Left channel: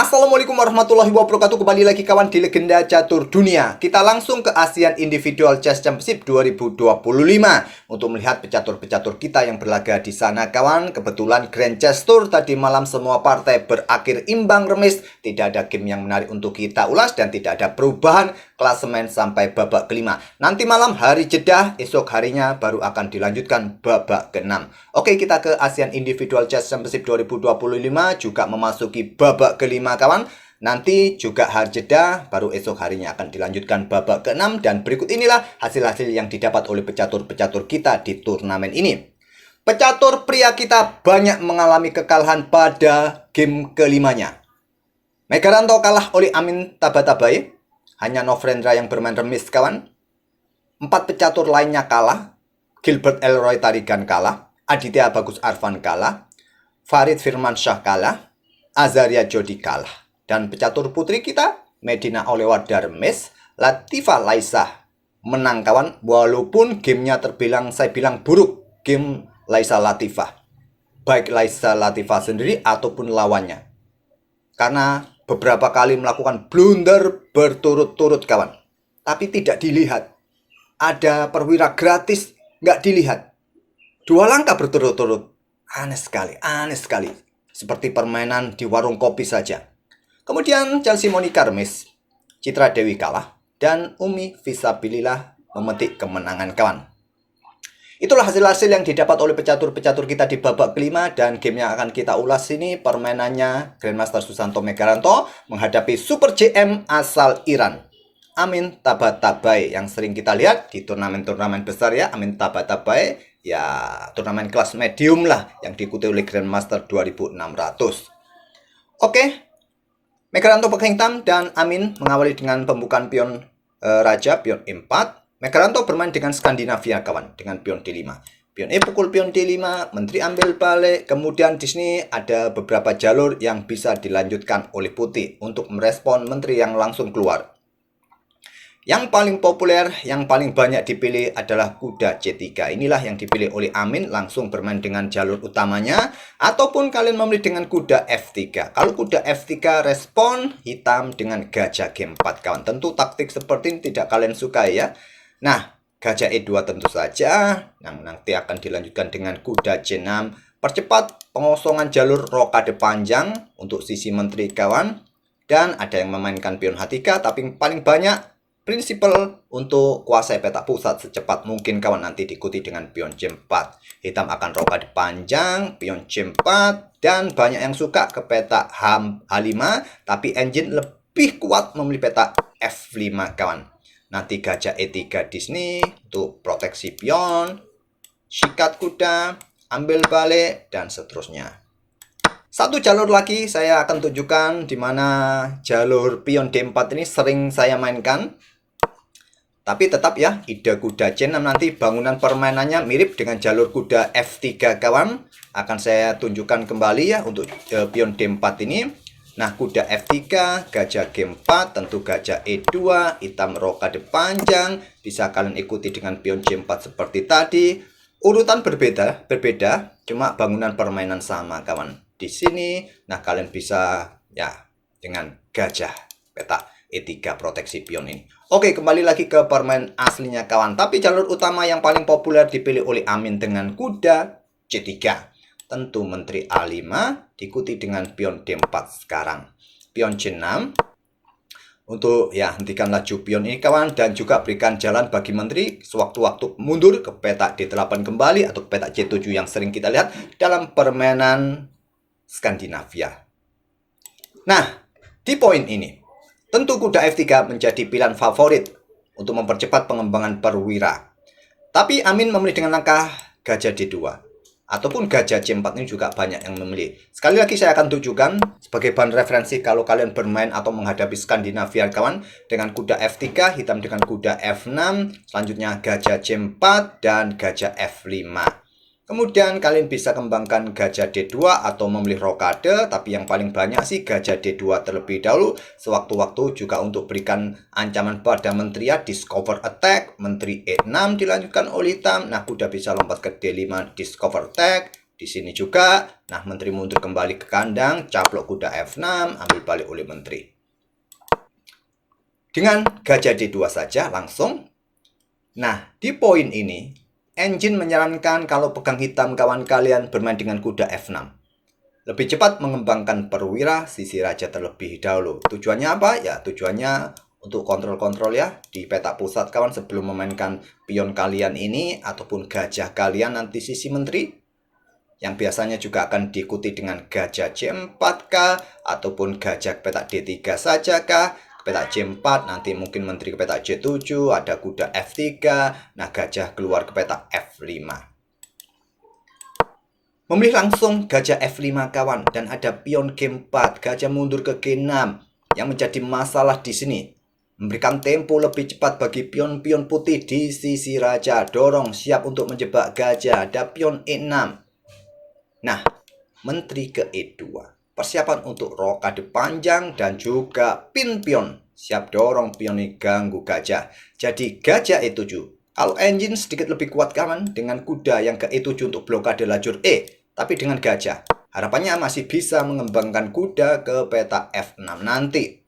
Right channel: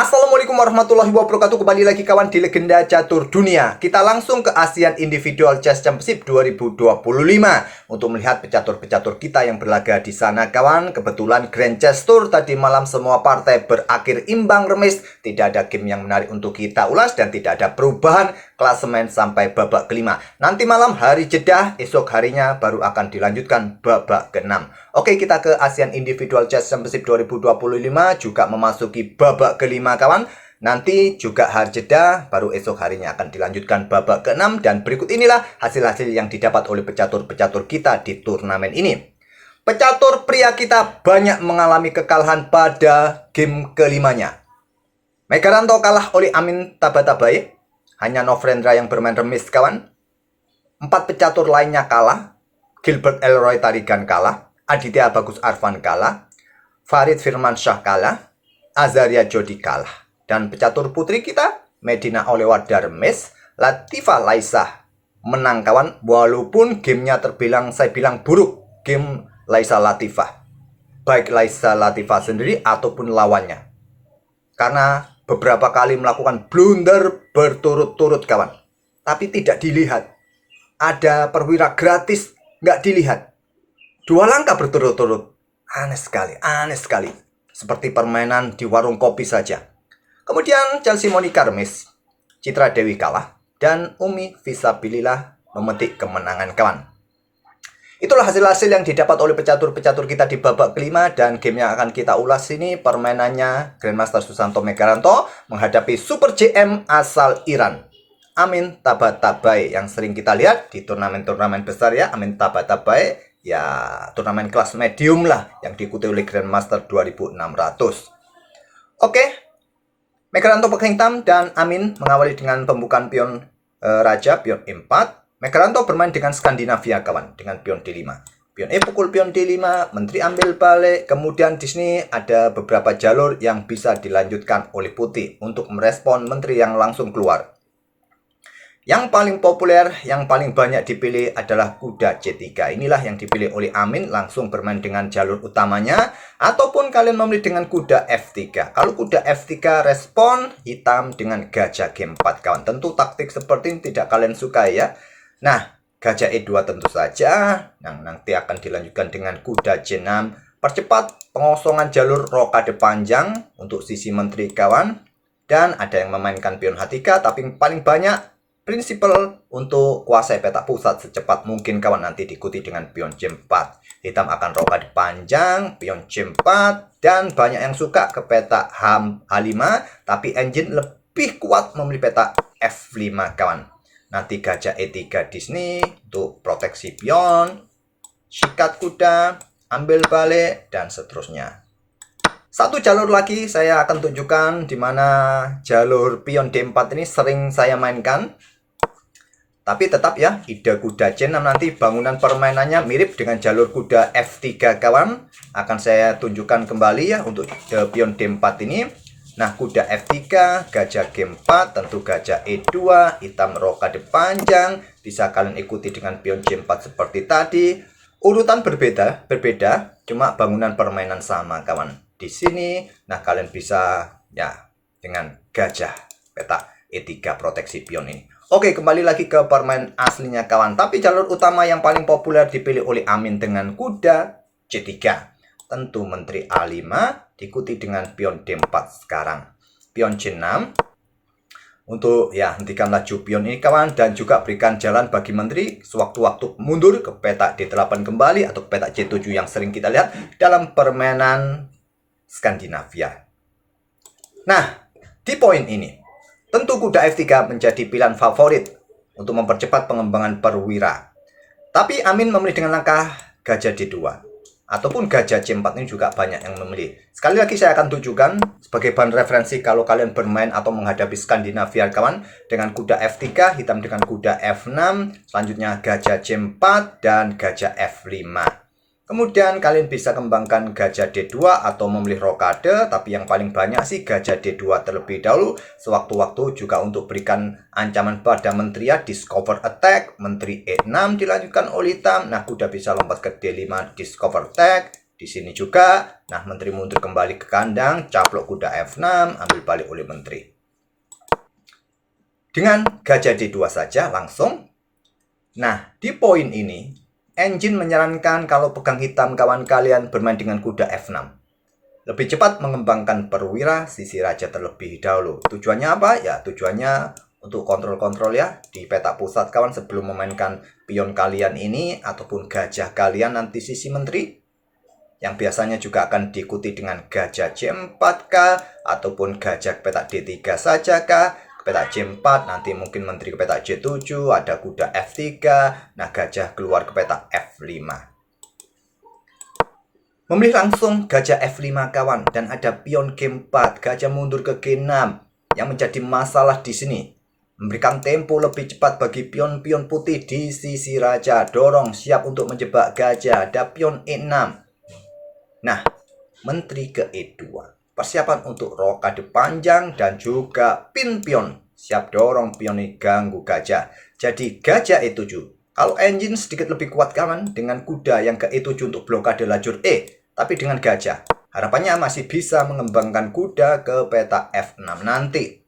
Assalamualaikum warahmatullahi wabarakatuh. Kembali lagi kawan di Legenda Catur Dunia. Kita langsung ke ASEAN Individual Chess Championship 2025 untuk melihat pecatur-pecatur kita yang berlaga di sana kawan. Kebetulan Grand Chess Tour tadi malam semua partai berakhir imbang remis. Tidak ada game yang menarik untuk kita ulas dan tidak ada perubahan klasemen sampai babak kelima. Nanti malam hari jeda, esok harinya baru akan dilanjutkan babak ke-6. Oke, kita ke ASEAN Individual Chess Championship 2025 juga memasuki babak kelima kawan. Nanti juga hari jeda, baru esok harinya akan dilanjutkan babak ke-6. Dan berikut inilah hasil-hasil yang didapat oleh pecatur-pecatur kita di turnamen ini. Pecatur pria kita banyak mengalami kekalahan pada game kelimanya. Megaranto kalah oleh Amin Tabatabai. Hanya Novendra yang bermain remis kawan. 4 pecatur lainnya kalah. Gilbert Elroy Tarigan kalah. Aditya Bagus Arfan kalah. Farid Firmansyah kalah. Azaria Jodi kalah. Dan pecatur putri kita, Medina Olewada remis. Latifa Laisa menang kawan. Walaupun gamenya terbilang, saya bilang buruk. Game Laisa Latifah. Baik Laisa Latifah sendiri ataupun lawannya. Karena beberapa kali melakukan blunder berturut-turut kawan. Tapi tidak dilihat. Ada perwira gratis, nggak dilihat. 2 langkah berturut-turut. Aneh sekali, aneh sekali. Seperti permainan di warung kopi saja. Kemudian Chelsea Monica remis. Citra Dewi kalah. Dan Umi Fisabilillah memetik kemenangan kawan. Itulah hasil-hasil yang didapat oleh pecatur-pecatur kita di babak kelima. Dan game yang akan kita ulas ini permainannya Grandmaster Susanto Megaranto menghadapi Super JM asal Iran, Amin Tabatabai, yang sering kita lihat di turnamen-turnamen besar ya. Amin Tabatabai ya turnamen kelas medium lah yang diikuti oleh Grandmaster 2600. Oke, Megaranto pegang hitam dan Amin mengawali dengan pembukaan pion raja, pion E4. Megaranto bermain dengan Skandinavia kawan, dengan pion D5. Pion E pukul pion D5, menteri ambil balik. Kemudian di sini ada beberapa jalur yang bisa dilanjutkan oleh putih untuk merespon menteri yang langsung keluar. Yang paling populer, yang paling banyak dipilih adalah kuda C3. Inilah yang dipilih oleh Amin, langsung bermain dengan jalur utamanya. Ataupun kalian memilih dengan kuda F3. Kalau kuda F3 respon hitam dengan gajah G4 kawan. Tentu taktik seperti ini tidak kalian suka ya. Nah, gajah E2 tentu saja. Nah, nanti akan dilanjutkan dengan kuda C6. Percepat pengosongan jalur rokade panjang untuk sisi menteri kawan. Dan ada yang memainkan pion H3, tapi paling banyak prinsipal untuk kuasai peta pusat secepat mungkin kawan, nanti diikuti dengan pion C4. Hitam akan rokade panjang, pion C4, dan banyak yang suka ke peta H5, tapi engine lebih kuat memilih peta F5 kawan. Nanti gajah E3 di sini untuk proteksi pion, sikat kuda, ambil balik, dan seterusnya. Satu jalur lagi saya akan tunjukkan di mana jalur pion D4 ini sering saya mainkan. Tapi tetap ya, ide kuda C6 nanti bangunan permainannya mirip dengan jalur kuda F3 kawan. Akan saya tunjukkan kembali ya untuk pion D4 ini. Nah, kuda F3, gajah G4, tentu gajah E2, hitam rokade panjang. Bisa kalian ikuti dengan pion C4 seperti tadi. Urutan berbeda, cuma bangunan permainan sama kawan. Di sini, nah kalian bisa ya dengan gajah peta E3 proteksi pion ini. Oke, kembali lagi ke permain aslinya kawan. Tapi jalur utama yang paling populer dipilih oleh Amin dengan kuda C3. Tentu menteri A5 diikuti dengan pion D4 sekarang. Pion C6 untuk ya hentikan laju pion ini kawan, dan juga berikan jalan bagi menteri sewaktu-waktu mundur ke peta D8 kembali atau ke peta C7 yang sering kita lihat dalam permainan Skandinavia. Nah, di poin ini tentu kuda F3 menjadi pilihan favorit untuk mempercepat pengembangan perwira. Tapi Amin memilih dengan langkah gajah D2. Ataupun gajah C4 ini juga banyak yang memilih. Sekali lagi saya akan tunjukkan sebagai bahan referensi kalau kalian bermain atau menghadapi Skandinavia kawan. Dengan kuda F3, hitam dengan kuda F6, selanjutnya gajah C4 dan gajah F5. Kemudian kalian bisa kembangkan gajah D2 atau memilih rokade, tapi yang paling banyak sih gajah D2 terlebih dahulu. Sewaktu-waktu juga untuk berikan ancaman pada menteri ya, discover attack, menteri E6 dilanjutkan oleh hitam. Nah, kuda bisa lompat ke D5, discover attack, Di sini juga, nah menteri mundur kembali ke kandang, caplok kuda F6, ambil balik oleh menteri. Dengan gajah D2 saja langsung. Nah, di poin ini, engine menyarankan kalau pegang hitam kawan kalian bermain dengan kuda F6. Lebih cepat mengembangkan perwira sisi raja terlebih dahulu. Tujuannya apa? Ya, tujuannya untuk kontrol-kontrol ya di peta pusat kawan sebelum memainkan pion kalian ini ataupun gajah kalian nanti sisi menteri. Yang biasanya juga akan diikuti dengan gajah C4 kah ataupun gajah ke peta D3 saja kah, ke peta C4 nanti mungkin menteri ke peta C7, ada kuda F3, nah gajah keluar ke peta F5. Memilih langsung gajah F5 kawan dan ada pion G4, gajah mundur ke G6. Yang menjadi masalah di sini memberikan tempo lebih cepat bagi pion-pion putih di sisi raja. Dorong siap untuk menjebak gajah, ada pion E6. Nah, menteri ke E2. Persiapan untuk rokade panjang dan juga pin pion. Siap dorong pion ini ganggu gajah. Jadi gajah E7. Kalau engine sedikit lebih kuat kawan dengan kuda yang ke E7 untuk blokade lajur E. Tapi dengan gajah, harapannya masih bisa mengembangkan kuda ke peta F6 nanti.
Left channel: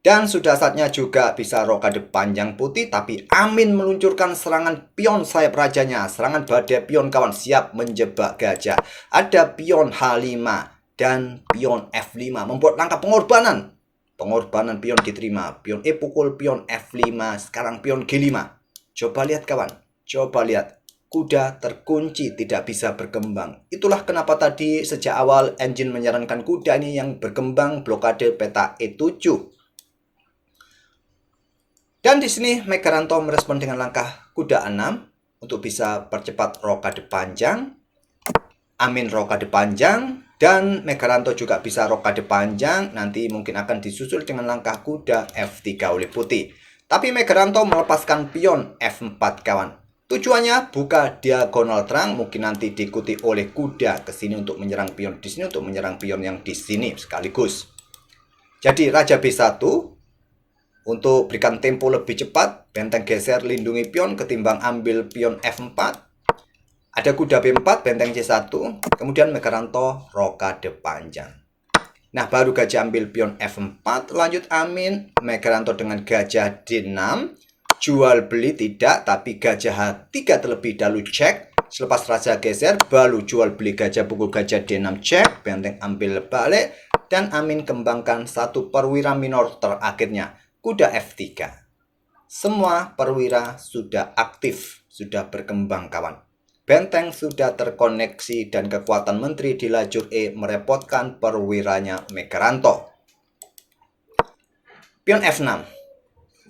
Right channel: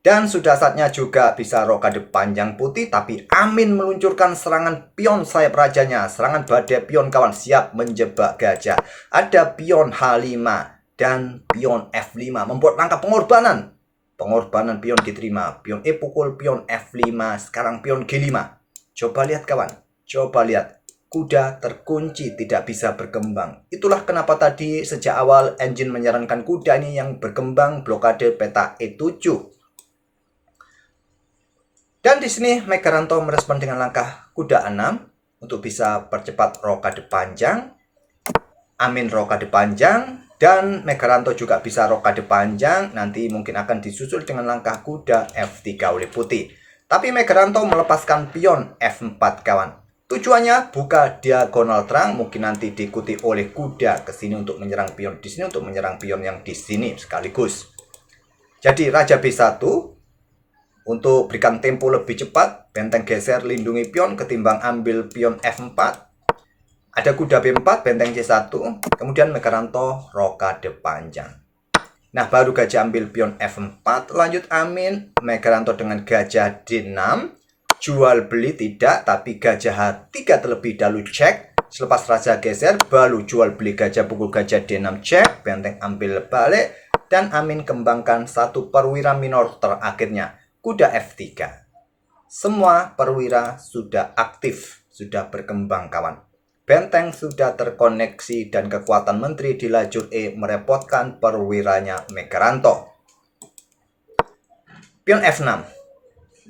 Dan sudah saatnya juga bisa rokade panjang putih, tapi Amin meluncurkan serangan pion sayap rajanya. Serangan badai pion kawan siap menjebak gajah. Ada pion H5 dan pion F5 membuat langkah pengorbanan. Pengorbanan pion diterima. Pion E pukul pion F5, sekarang pion G5. Coba lihat kawan, coba lihat. Kuda terkunci tidak bisa berkembang. Itulah kenapa tadi sejak awal engine menyarankan kuda ini yang berkembang blokade peta E7. Dan di sini Megaranto merespon dengan langkah kuda 6 untuk bisa percepat rokade panjang. Amin rokade panjang dan Megaranto juga bisa rokade panjang. Nanti mungkin akan disusul dengan langkah kuda F3 oleh putih. Tapi Megaranto melepaskan pion F4 kawan. Tujuannya buka diagonal terang, mungkin nanti diikuti oleh kuda ke sini untuk menyerang pion di sini, untuk menyerang pion yang di sini sekaligus. Jadi raja B1 untuk berikan tempo lebih cepat, benteng geser lindungi pion ketimbang ambil pion F4. Ada kuda B4, benteng C1, kemudian Megaranto rokade panjang. Nah, baru gajah ambil pion F4, lanjut Amin, Megaranto dengan gajah D6, jual beli tidak, tapi gajah H3 terlebih dahulu cek. Selepas raja geser, baru jual beli gajah pukul gajah D6 cek, benteng ambil balik, dan Amin kembangkan satu perwira minor terakhirnya. Kuda F3. Semua perwira sudah aktif, sudah berkembang kawan. Benteng sudah terkoneksi dan kekuatan menteri di lajur E merepotkan perwiranya Megaranto. Pion F6.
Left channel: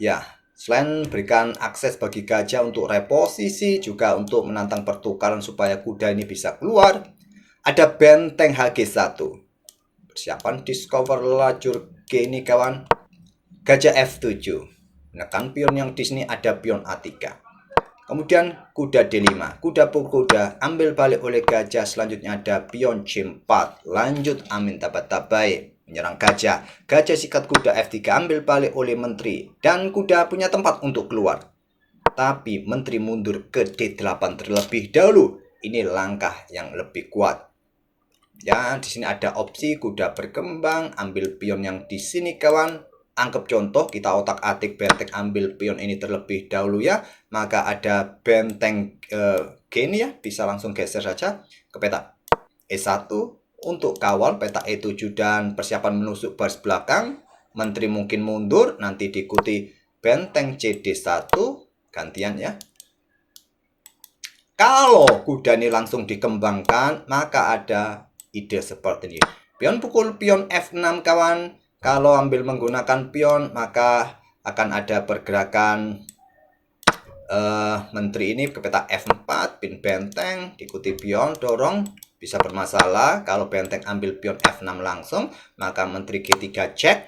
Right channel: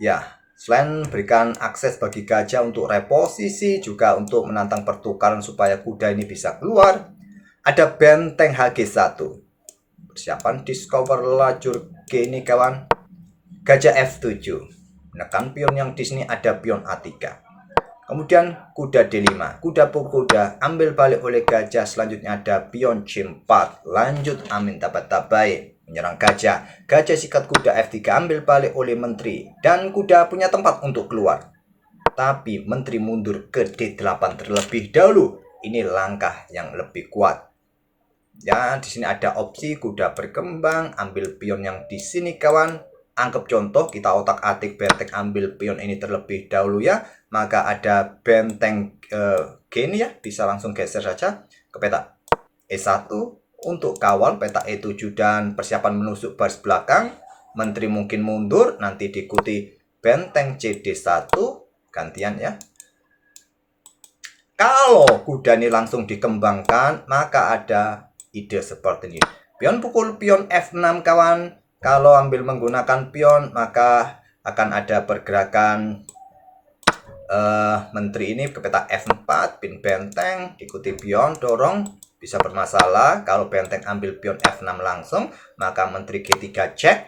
Ya, selain berikan akses bagi gajah untuk reposisi, juga untuk menantang pertukaran supaya kuda ini bisa keluar. Ada benteng HG1. Persiapan discover lajur G ini kawan. Gajah F7, menekan pion yang di sini ada pion A3. Kemudian kuda D5, kuda pukul kuda, ambil balik oleh gajah. Selanjutnya ada pion C4, lanjut Amin tabat-tabai, menyerang gajah. Gajah sikat kuda F3, ambil balik oleh menteri. Dan kuda punya tempat untuk keluar. Tapi menteri mundur ke D8 terlebih dahulu. Ini langkah yang lebih kuat. Ya, di sini ada opsi kuda berkembang, ambil pion yang di sini kawan. Anggap contoh, kita otak-atik benteng ambil pion ini terlebih dahulu ya. Maka ada benteng G ini ya, bisa langsung geser saja ke peta E1 untuk kawal peta E7 dan persiapan menusuk baris belakang. Menteri mungkin mundur, nanti diikuti benteng CD1, gantian ya. Kalau kuda ini langsung dikembangkan, maka ada ide seperti ini. Pion pukul pion F6 kawan. Kalau ambil menggunakan pion, maka akan ada pergerakan menteri ini ke peta F4, pin benteng, diikuti pion, dorong, bisa bermasalah. Kalau benteng ambil pion F6 langsung, maka menteri G3 cek.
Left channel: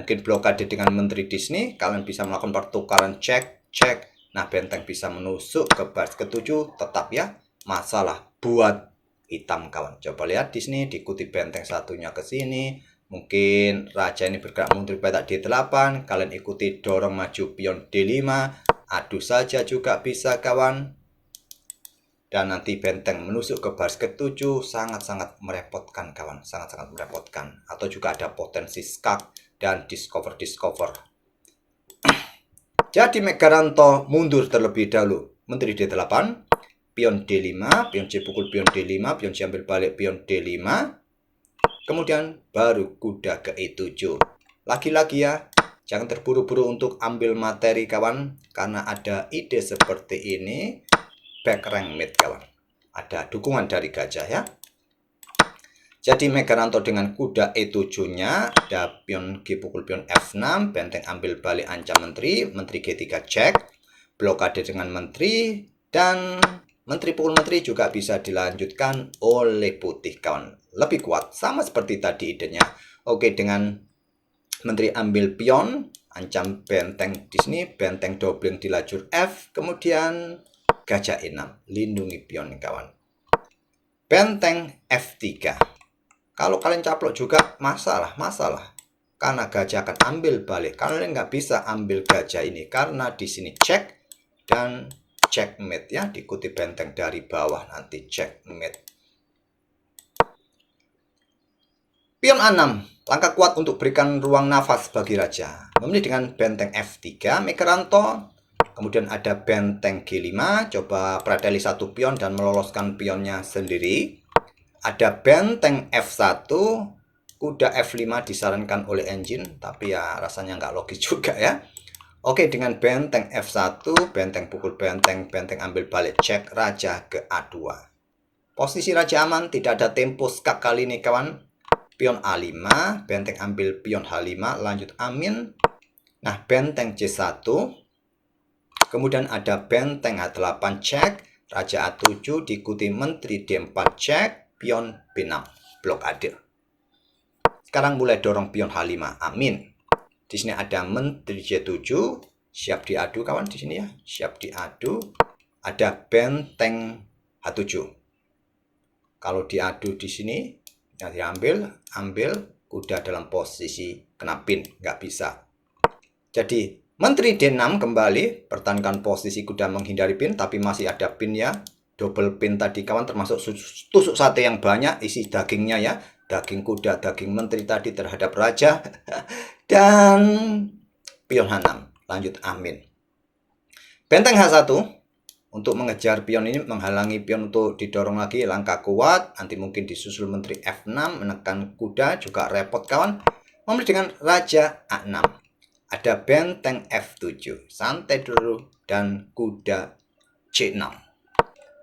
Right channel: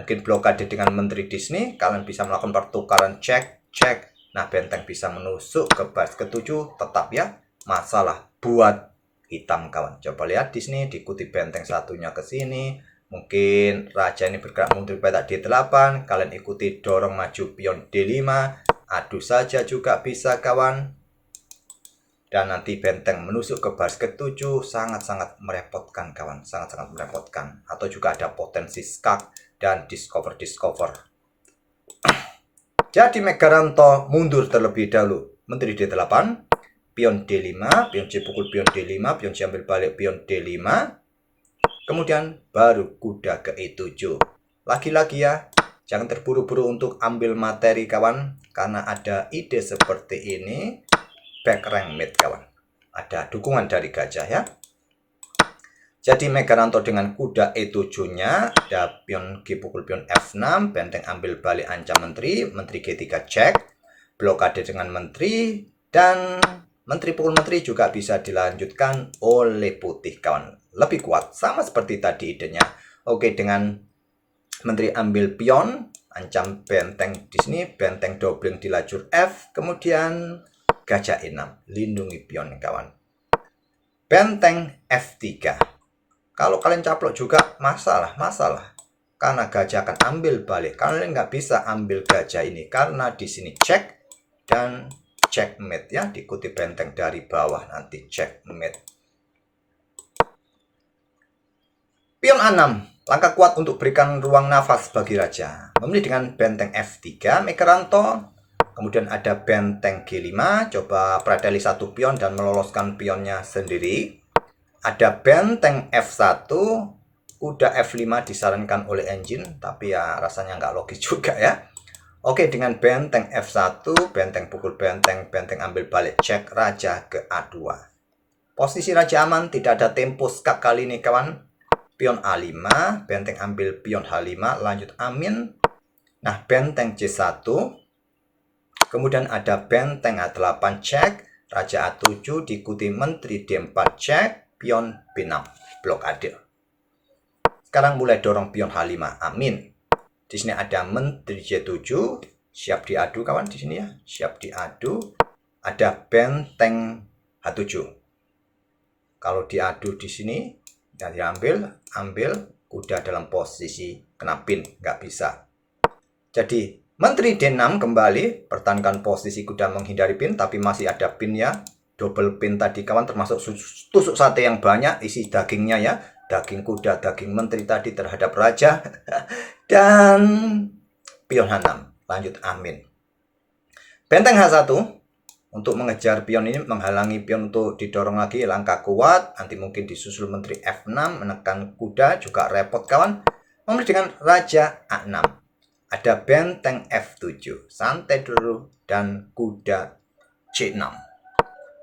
Mungkin blokade dengan menteri di sini, kalian bisa melakukan pertukaran cek, cek. Nah, benteng bisa menusuk ke baris ke-7, tetap ya, masalah buat hitam kawan. Coba lihat di sini, diikuti benteng satunya ke sini. Mungkin raja ini bergerak mundur peta D8, kalian ikuti dorong maju pion D5, adu saja juga bisa kawan. dan nanti benteng menusuk ke baris ke-7, sangat-sangat merepotkan kawan, sangat-sangat merepotkan. Atau juga ada potensi skak dan discover. Jadi Megaranto mundur terlebih dahulu, Menteri D8, pion D5, pion C pukul pion D5, pion C ambil balik pion D5, kemudian baru kuda ke E7. Lagi-lagi ya, jangan terburu-buru untuk ambil materi kawan, karena ada ide seperti ini. Back rank mate kawan, ada dukungan dari gajah ya. Jadi Megaranto dengan kuda E7-nya, ada pion G pukul pion F6, benteng ambil balik ancam menteri, menteri G3 cek, blokade dengan menteri, dan menteri pukul menteri juga bisa dilanjutkan oleh putih kawan. Lebih kuat, sama seperti tadi idenya. Oke, dengan menteri ambil pion, ancam benteng di sini, benteng doubling di lajur F, kemudian gajah E6, lindungi pion kawan. Benteng F3. Kalau kalian caplok juga masalah. Karena gajah akan ambil balik. Kalian nggak bisa ambil gajah ini karena di sini cek dan checkmate ya, diikuti benteng dari bawah nanti checkmate. Pion A6, langkah kuat untuk berikan ruang nafas bagi raja. Memilih dengan benteng F3, Megaranto. Kemudian ada benteng G5, coba pradali satu pion dan meloloskan pionnya sendiri. Ada benteng F1, kuda F5 disarankan oleh engine, tapi ya rasanya nggak logis juga ya. Oke, dengan benteng F1, benteng pukul benteng, benteng ambil balik cek, raja ke A2. Posisi raja aman, tidak ada tempo skak kali ini kawan. Pion A5, benteng ambil pion H5, lanjut amin. Nah, benteng C1. Kemudian ada benteng A8 cek, raja A7 diikuti menteri D4 cek, pion B6 blokade. Sekarang mulai dorong pion H5, amin. Di sini ada menteri C7, siap diadu kawan di sini ya, siap diadu. Ada benteng H7. Kalau diadu di sini, ya ambil kuda dalam posisi kena pin, nggak bisa. Jadi menteri D6 kembali, pertahankan posisi kuda menghindari pin, tapi masih ada pin ya. Double pin tadi kawan, termasuk tusuk sate yang banyak, isi dagingnya ya. Daging kuda, daging menteri tadi terhadap raja. Dan pion H6, lanjut amin. Benteng H1, untuk mengejar pion ini, menghalangi pion untuk didorong lagi, langkah kuat. Nanti mungkin disusul menteri F6, menekan kuda, juga repot kawan. Memilih dengan raja A6. Ada benteng F7, santai dulu, dan kuda C6.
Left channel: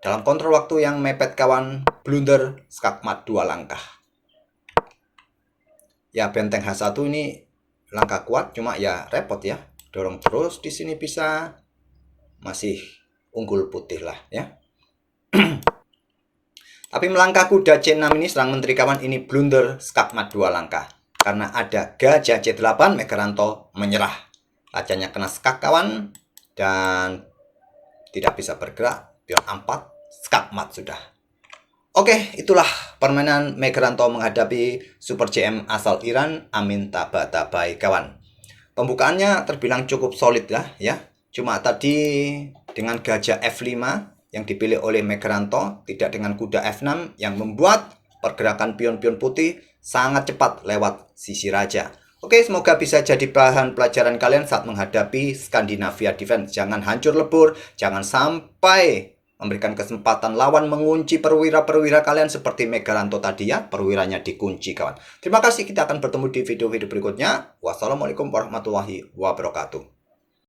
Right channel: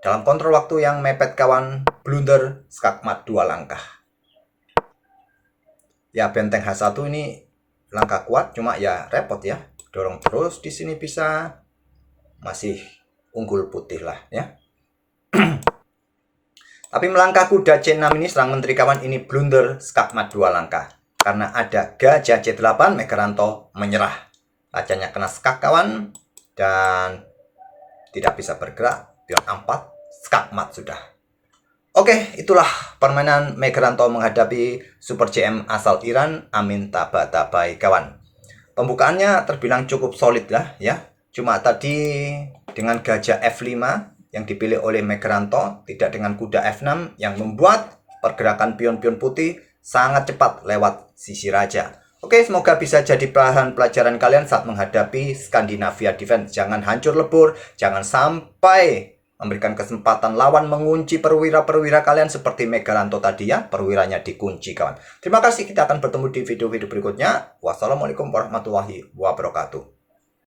Dalam kontrol waktu yang mepet kawan, blunder skakmat 2 langkah. Ya, benteng H1 ini langkah kuat, cuma ya repot ya. Dorong terus di sini bisa, masih unggul putih lah ya. Tapi melangkah kuda C6 ini serang menteri kawan, ini blunder skakmat 2 langkah. Karena ada gajah C8, Megaranto menyerah. Rajanya kena skak kawan, dan tidak bisa bergerak. Pion A4, skakmat sudah. Oke, itulah permainan Megaranto menghadapi Super CM asal Iran, Amin Tabatabai kawan. Pembukaannya terbilang cukup solid lah ya. Cuma tadi dengan gajah F5 yang dipilih oleh Megaranto, tidak dengan kuda F6 yang membuat pergerakan pion-pion putih sangat cepat lewat sisi raja. Oke, semoga bisa jadi bahan pelajaran kalian saat menghadapi Skandinavia Defense. Jangan hancur lebur, jangan sampai memberikan kesempatan lawan mengunci perwira-perwira kalian seperti Megaranto tadi ya, perwiranya dikunci kawan. Terima kasih, kita akan bertemu di video-video berikutnya. Wassalamualaikum warahmatullahi wabarakatuh.